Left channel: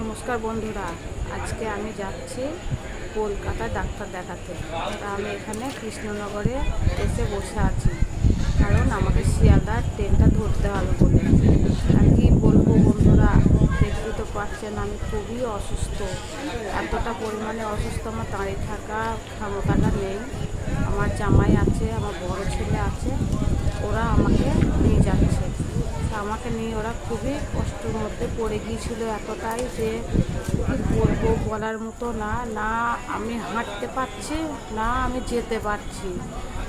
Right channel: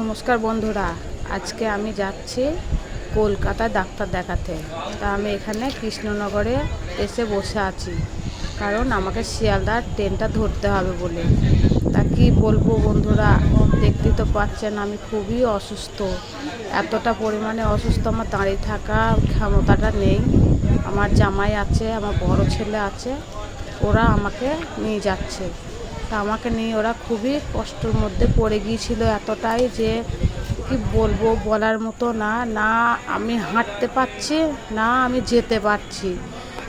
নমস্কার বন্ধুরা, আজকে আমি যাচ্ছি কলকাতা ডাক্তার দেখাতে। তা আমি এখানে কৃষ্ণনগরে এসে বসে আছি। কারণ আমাকে শিয়ালদার ট্রেনটা ধরতে হবে বলে। তা কি বলব বন্ধুরা দেখতেই তো পাচ্ছেন আমি খুবই অসুস্থ। এতটা পরিমাণে অসুস্থ, আমার দাঁড়িয়ে থাকার ক্ষমতাটা নেই। আমার জামাই আছে, আমার বড় ছেলে আছে। ওরা আমাকে নিয়ে যাচ্ছে। তা আমাকে নিয়ে ওরা খুবই কষ্টের মধ্যে পড়ে গিয়েছিল এতটাই যে কি বলব বলার মতো না না আমি হাঁটতে পারছি, না আমি যেতে পারছি।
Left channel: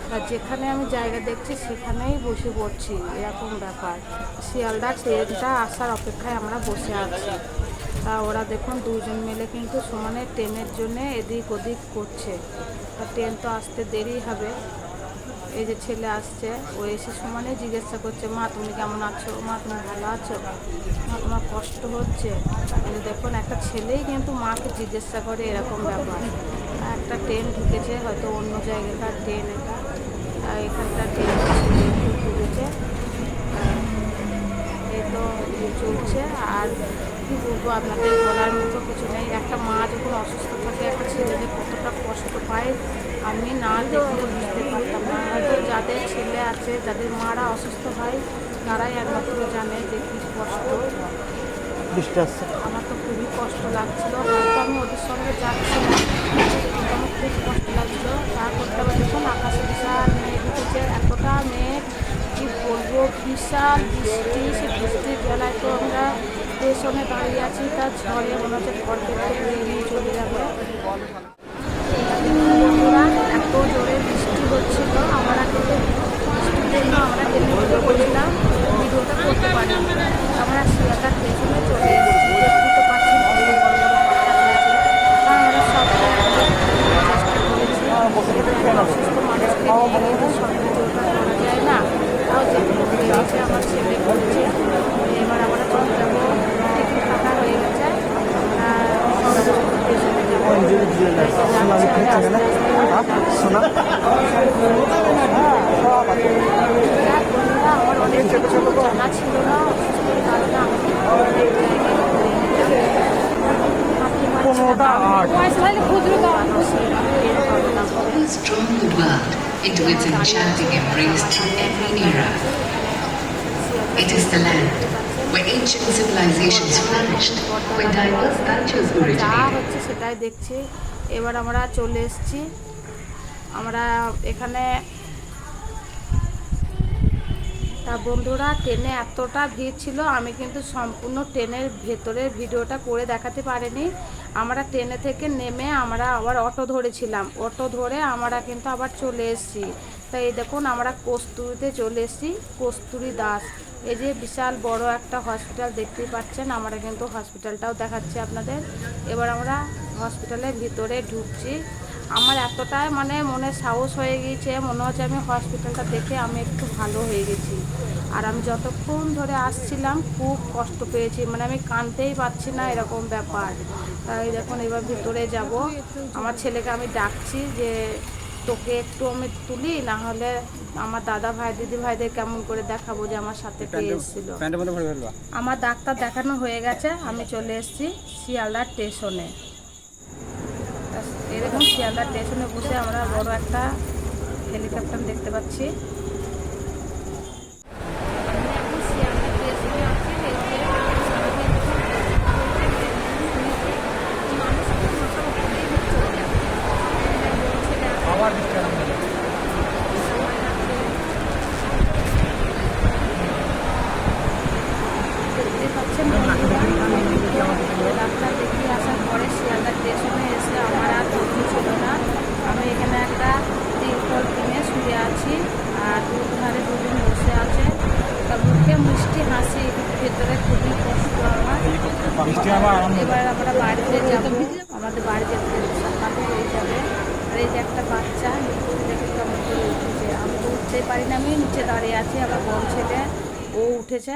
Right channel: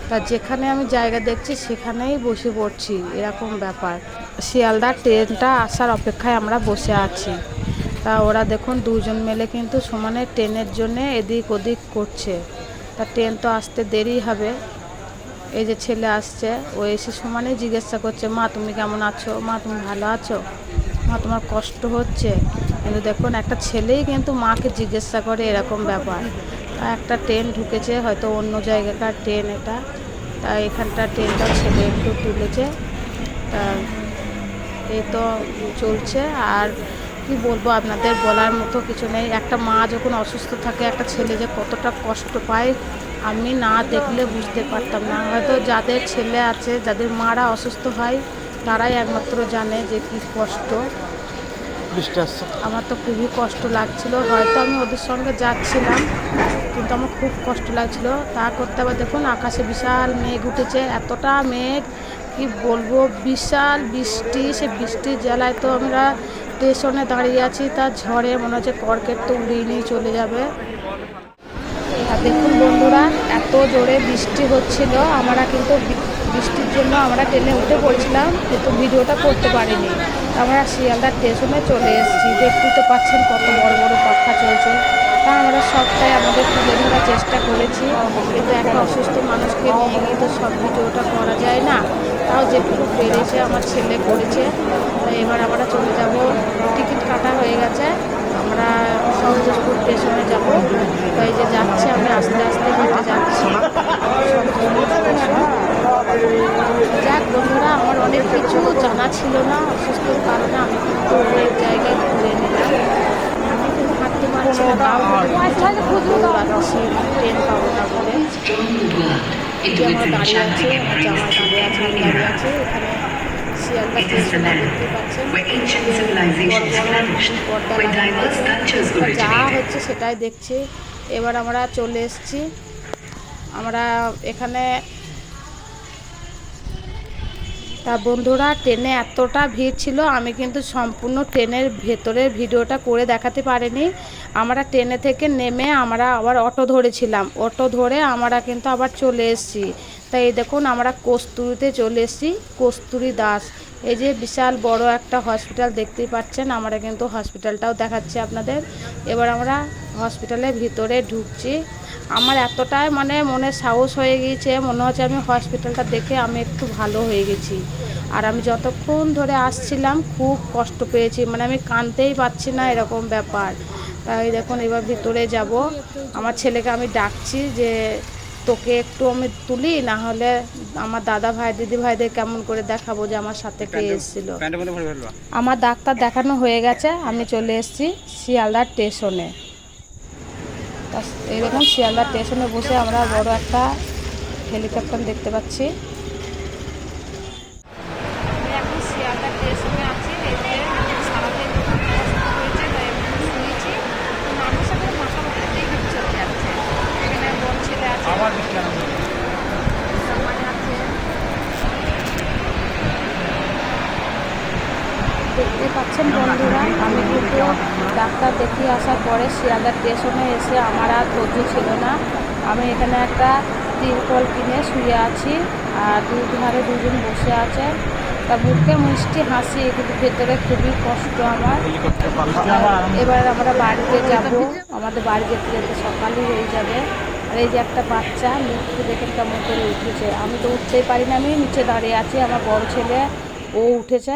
তা যেখানে আমি জায়গা দেখছি সেখানেই বসে পড়ছি, এরকম ব্যাপার। শিয়ালদা ট্রেনটা আসার অপেক্ষায় আমরা বসে আছি। তা ওরা দেখুন দুজন মিলে কিন্তু সমানে ট্রেনের জন্য এদিক ওদিক করছে। তা ট্রেন তো আসতে দেরি হবে। এই যে ছেলে আসছে, ও এসে সমানে জিজ্ঞাসা করছে, মা, তুমি কেমন আছো? মা, তুমি ভালো আছো? মা, তোমার কষ্ট হচ্ছে। কিন্তু দেখুন, একটা ছেলেই কিন্তু মাকে জিজ্ঞাসা করে এরকম ব্যাপার। একটা ট্রেন ঢুকেছে, হয়তো অন্য জায়গাকার ট্রেন এটা। তা এখানকার ট্রেনটা ছেলে একটু ঢুকেছে তা এ তো চলছে। আর কি বলব আপনাদের বলার মতো কিছু নেই। একটা মা যখন অসুস্থ থাকে একটা ছেলে যে কতটা কষ্ট পায় আমি না দেখলে বুঝতে পারতাম না। হয়তো যাদের ছেলে আছে যাদের মারা অসুস্থ হয় তারাই একমাত্র জানে যে কী কষ্ট। বৃষ্টি আসছে আমার তো খুবই কষ্ট লাগছিল। হয়তো আমি ওদের সঙ্গে যাচ্ছিলাম কিন্তু আমার খুব কষ্ট লাগছিল। তা করতে আবার দেখুন আকাশে বিশাল মেঘ উঠেছে এতটা মেঘ কি বলব? বিশাল বৃষ্টি সে বৃষ্টির জ্বালায় তো আমরা স্টেশনে দাঁড়িয়ে আছি, তার ঝড়ে মনে হচ্ছে কর্কেট তো উড়িয়ে নিয়ে চলে যাবে। দেখুন বন্ধুরা, এত জোরে বৃষ্টি হচ্ছিল, আমরা কিন্তু বৃষ্টির জন্য আমরা ট্রেনে উঠে পড়েছিলাম, কিন্তু ভিডিওটা করতে পারিনি। আমরা শিয়ালদা স্টেশনে চলে এসেছি, দেখতে তো পাচ্ছেন কত বড় বড় পাখা চলছে। তা আমরা সবটাই আমাদের তুলে ধরার চেষ্টা করেছি, কিন্তু একটা অসুস্থ মানুষকে তো সব ভিডিওটা করা যায় না। তাও যেটুকু পেরেছে, আমার ছেলে করেছে। এবার আমরা চলে যাব। টিকিট কাটা হয়ে গেছে। আমরা সহজপুর স্টেশনে যাব। তাই যে যাচ্ছি আমরা আস্তে আস্তে হেঁটে যাচ্ছি। যাক বন্ধুরা, আমার অনেক কিছু জানা ছিল না অসুস্থর কারণে আমি অনেক জায়গায় ঘুরে ট্রেন পাবো না has drawn the world enchanting embrace through every era. It is the land where ancient civilizations flourished, where diverse cultures originated. এবার আমরা চলে এসেছি আমরা এখানে তা বন্ধুরা, ট্রেনে এতটা ভিড় ছিল, আমি কিন্তু সম্পূর্ণ ট্রেনের ভেতরের ভিডিওটা করে দেখাতে পারিনি। আমরা ট্রেনে থেকে নেমে আমরা আবার অটো ধরেছিলাম। অটো ধরে আমরা কিন্তু আবার চলে এসেছি। তাই এই দেখুন, আমরা কস্তুরিতে চলে এসেছি, কস্তুরি দাস। এই যে বিশাল বড় একটা হসপিটাল দেখতেই পাচ্ছেন, আমরা কিন্তু হসপিটালটাও দেখাচ্ছি আপনাদের। এবার আমরা হসপিটালের ভিতরে ঢুকছি। আমার এতটাই মানে মনে সাহস হয়ে গিয়েছে মনে হচ্ছে আমি হসপিটালটা দেখে আমি একটু ভালো হয়ে গেছি। আর আমি যতক্ষণ ধরে আসছিলাম খুব কষ্ট পেয়েছি। মানে আমি কানতেই পারছি না এরকম ব্যাপার। তাই দেখুন এবার ভিতরে যাব। আমার ছেলেকে আমি ডাকছি যে তোকে একটু আমি তুলি না হলে আমার দাদা ভাই দিদি ভাইদের কেমন করে দেখাবো যে আমার সাথে কে এসেছিল? আমার ডাক্তার দেখানো হয়ে গেছে। আমি চলে এসেছি শিয়ালদা স্টেশনে। তা শিয়ালদার শিয়ালদা স্টেশনে বসে আমরা বড় একটা হেলিকপ্টার দেখতে পাচ্ছি আমি এখন শিয়ালদা স্টেশনে আছি এই যে সারাদিন খুব কষ্ট হয়েছে না এমনি শুয়েছি তো মানুষ এখন মাথা মাথাতেই হেঁটে চলে যাচ্ছে এখানে বড় ছেলে আছে দেখতে পাচ্ছেন বন্ধুরা, আমি কিন্তু ডাক্তার দেখিয়ে আসার পরে শিয়ালদা স্টেশনে এসে আমার আর ধৈর্য ছিল না। আমি এখানে একটা তিরপল কিনে শুয়ে আছি আর দুই ধারে দুজন বসে আছে। তা মুখে মিষ্টি হাসি, কিন্তু ভেতরে খুবই কষ্ট আমার। এবার আমরা বাড়িতে যাব। আমাদের বাড়িতে যেতে সকালই হয়ে যাবে। আর এই যে একটা বাচ্চা লিফটে দেখে কেমন করে উঠেছে। আমি তো উঠতেই পারি না, আমি নিচে দাঁড়িয়ে আছি, আমার বড় ছেলে, ও উঠেছে।